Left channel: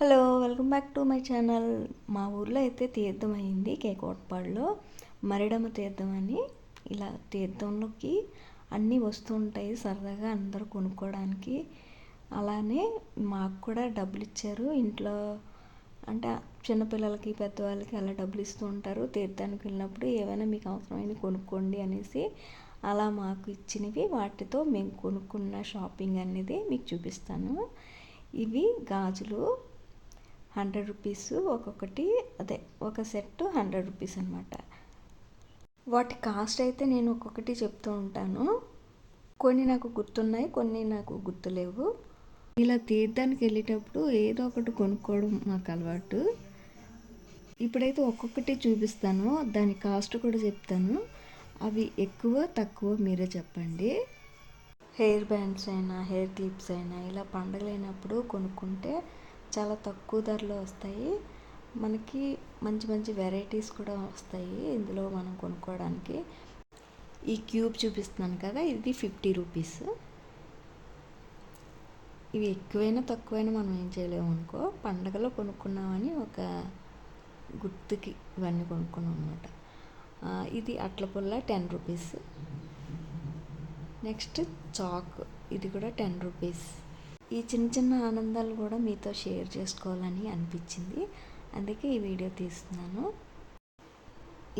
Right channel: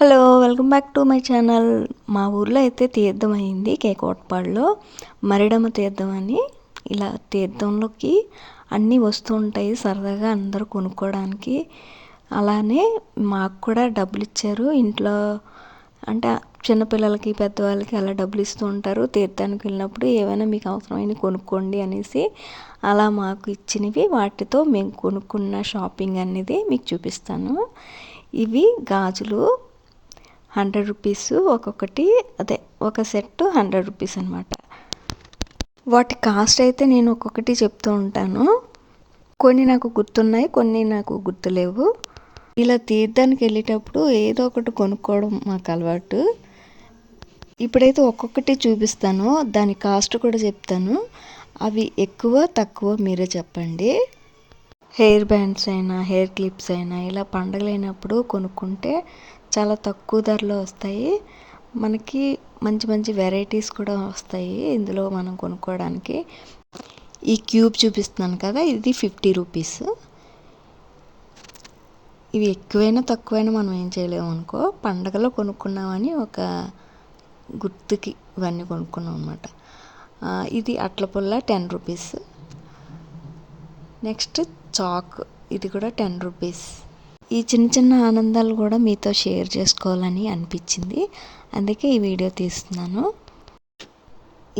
Hello welcome back to my channel. మా ఊర్లో అయితే తీర్థం అయింది కేకోటపాడులో మరిడమ్మ తీర్థం అని. ఇలా తీర్థంలోకి అన్నీ వస్తూ ఉంటాయి సరదాగా అందరూ కొనుక్కోవడానికి అలానే మాకు కూడా డబ్బులు ఇచ్చారు. ఇంట్లో అంటే చిన్నపిల్లలకి పెద్దవాళ్ళకి అలా డబ్బులు ఇస్తూ ఉంటారు. తీర్థానికి వెళ్ళినప్పుడు ఏమైనా మీకు అవసరమైన కొనుక్కోండి అనేసి అలా మాకు ఇచ్చినవి. వాటితో మేము కొనుక్కున్న షాపింగ్ అనేది మీకు చూపిస్తాను. ఇవి గాజులు హండ్రెడ్ రూపీస్ ఒక్కొక్కటి అదే ఒక సెట్ హండ్రెడ్ రూపీస్ అనమాట వాటి కాస్ట్ అయితే నేను ఒక్కొక్కటి చెప్తూ ఉంటాను. కొన్ని నాకు గుర్తున్నాయి కొన్ని నాకు గుర్తులేవు. ఇలా తీర్థానికి వెళ్ళేటప్పుడు ఏదో ఒకటి కొనుక్కోవడం మాకు అలవాటు. ఇప్పుడైతే ఒక్కొక్కటి చూపిస్తాను దాని కాస్ట్ కూడా చెప్తాను. అవి ఎక్కువ తక్కువ మీరే చెప్పండి. హెయిర్ బ్యాండ్స్ అయినా హెయిర్ క్లిప్స్ అయినా ఇలా పండగలైనప్పుడు కొనుక్కుంటే చాలా తక్కువ ధరలో వస్తాయి. మనకి మంచి మంచి వెరైటీస్ కూడా వస్తాయి ఇందులో మనం కొనుక్కోవడానికి. ఈ క్యూబ్ చూపిస్తున్నాను కదా ఇది ఫిఫ్టీ రూపీస్. ఇవి ఎక్కువైనా తక్కువైనా మనం ఏం చేయలేము అనుకో. పండగలో కొనుక్కున్నామని ఒక గుర్తుకి ఇవన్నీ కొనుక్కున్నాం అనమాట ఇది అట్ల పుల్ల టెన్ రూపీస్. నెక్స్ట్ చాక్ ఇది కూడా టెన్ రూపీస్. ఈ చిన్న చిన్న ఆనందాలు కూడా మీతో షేర్ చేసుకోవాలని అనిపించింది. అందుకే ఈ వీడియో తీస్తున్నాను.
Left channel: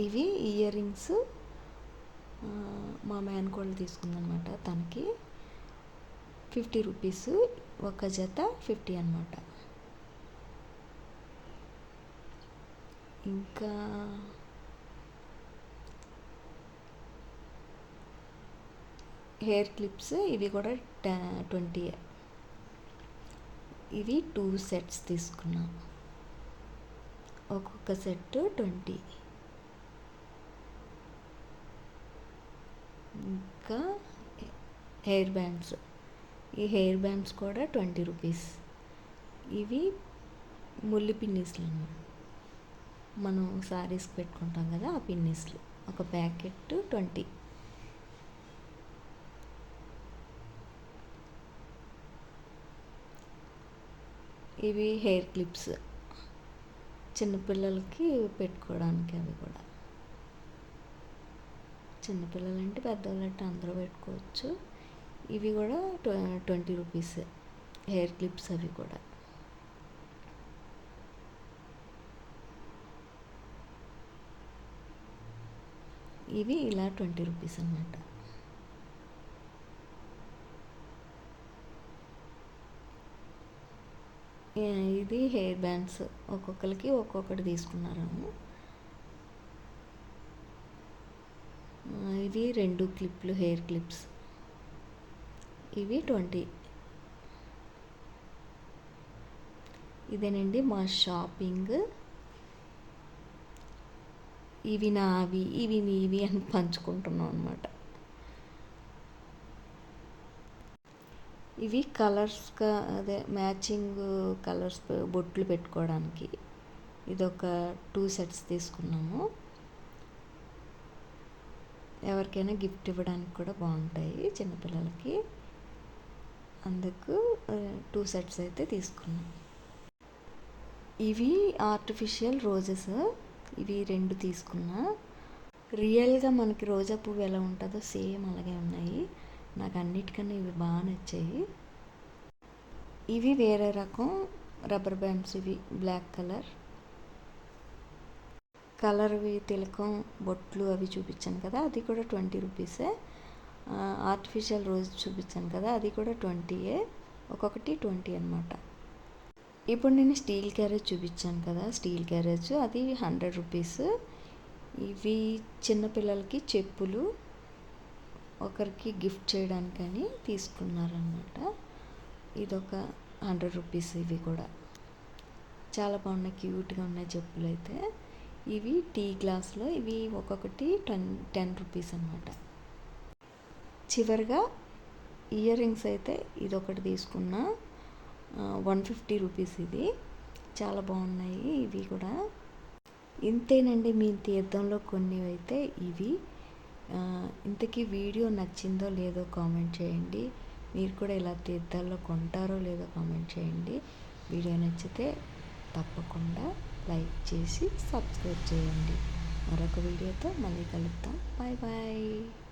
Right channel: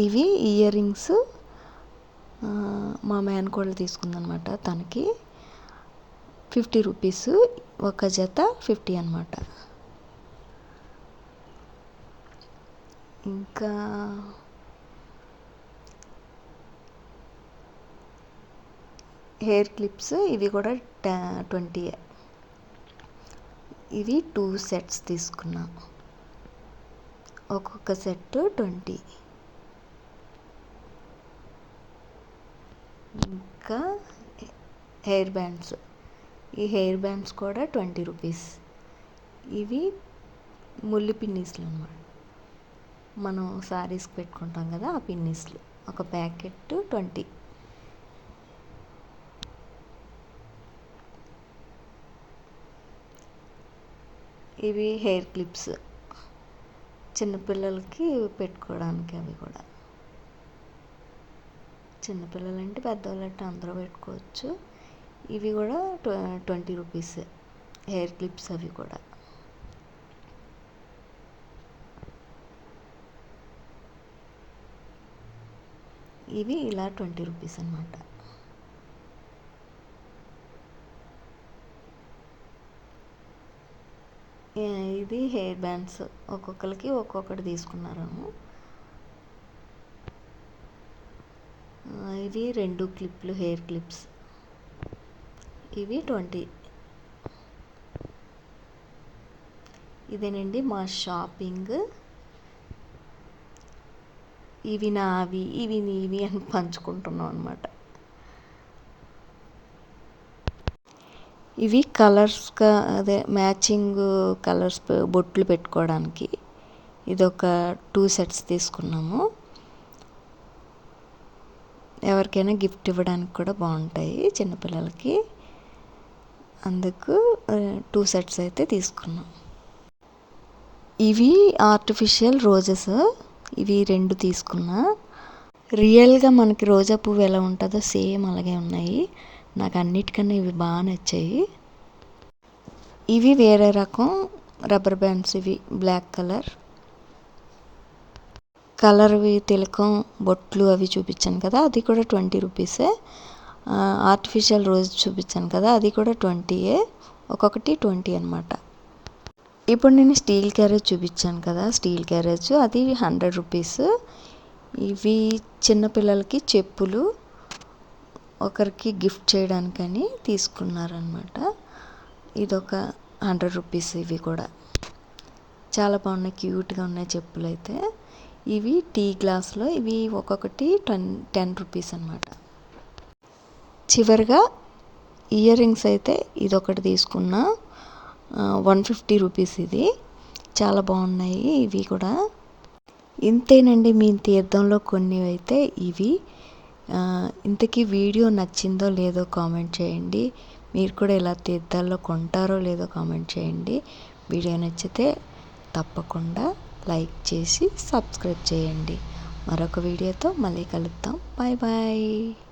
ఇవి ఇయర్ రింగ్స్. మా మేనకోళ్ళు తీసుకుందనమాట తనకి. Fifty rupees. ఒక జత ఫిఫ్టీ అనమాట. ఇంకా హెయిర్ క్లిప్స్ ఇవి కూడా ట్వంటీ ఇవి టూ సెట్స్ తీసుకున్నా ఒక్కొక్క సెట్ ట్వంటీ. ఇంకా హెయిర్ బ్యాండ్స్. ఈ హెయిర్ బ్యాండ్స్ కూడా ట్వంటీ రూపీస్. ఇవి ముల్లి పిన్నీస్లు అనమాట మనం శారీస్కి పెట్టుకుంటాం కదా ఆ పిన్నీస్లు. ఒక ప్యాకెట్ ట్వంటీ. ఇవి హెయిర్ క్లిప్స్ చిన్నపిల్లలకి పెట్టుకోవడానికి అవి కూడా. చిన్నపిల్లలు అంటే పెద్దవాళ్ళు అంటే అందరూ పెట్టుకోవచ్చు. ఇవి కూడా ట్వంటీ రూపీస్ హెయిర్ క్లిప్స్ అవి కూడా. ఇవి ఇలా ట్వంటీ రూపీస్ అనమాట ఇది హెయిర్ బ్యాండ్స్. ఒక్కొక్కరికి ఒక్కొక్కటి తీసుకున్నాము ఇది రెండు క్లిప్లు హెయిర్ క్లిప్స్. ఇవి ట్వంటీ. ఇదేనండి మా షాపింగ్. ఇవి నావి ఇవి నీవి అని పంచుకుంటున్నాం అనమాట ఇవి కలర్స్గా అదే మ్యాచింగ్ కలర్స్ బొట్లు పెట్టుకోవడానికి. ఇది ఒక టూ సెట్స్ తీసుకున్నాము. ఎవరికైనా గిఫ్ట్ ఇవ్వడానికి కూడా బాగుంటాయి చిన్నపిల్లలకి. అందుకు టూ సెట్స్ అయితే తీసుకున్నాం. ఇవి ఆర్టిఫిషియల్ రోజెస్. ఇవి రెండు తీసుకున్నా. రియల్గా మనకి రోజా పువ్వు ఎలా ఉంటుందో సేమ్ అలాగే ఉన్నాయి. నాకు అన్నిటికన్నా ఇవి బాగా నచ్చాయి. ఇవి వేరే రకం రబ్బర్ బ్యాండ్స్ ఇవి బ్లాక్ కలర్. కలర్వి తిలకం బొట్లు అవి చూపించాను కదా అది కూడా ట్వంటీ రూపీసే. ఆర్టిఫిషియల్ రోజ్ చూపించాను కదా అది కూడా ట్వంటీయే. ఒక్కొక్కటి ట్వంటీ అనమాట ఇప్పుడు నేను స్టీల్ క్యారేజ్ చూపించాను కదా స్టీల్ క్యారేజ్ అది హండ్రెడ్ రూపీస్. ఇవి చిన్నపిల్లలకి చెప్పులు ఒకరికి గిఫ్ట్ చేయడానికని తీసుకున్నారనమాట ఇదొక హండ్రెడ్ రూపీస్ ఇవి కూడా. చాలా బాగున్నాయి క్యూట్గా ఉన్నాయి చెప్పులు అయితే ఇవి టీ గ్లాస్లో ఇవి ఒక్కొక్కటి టెన్ టెన్ రూపీస్ అనమాట చివరిగా ఇయర్ రింగ్స్ అయితే ఇదొకటి తీసుకున్నా. వన్ ఫిఫ్టీ రూపీస్ ఇది. చాలా బాగున్నాయి ఇవి కూడా. ఇంతేనండి మీ తీర్థంలో కొన్ని అయితే ఇవి. ఇంతకీ వీడియో నచ్చిందో లేదో కామెంట్ చేయండి. మీరు కూడా ఇలా తీర్థాల్లో కొంటారో లేదో కామెంట్ చేయండి. వీడియో నచ్చితే తప్పకుండా లైక్ చేసి సబ్స్క్రైబ్ చేయండి. మరొక వీడియోతో మళ్ళీ కలుద్దాం. Bye bye.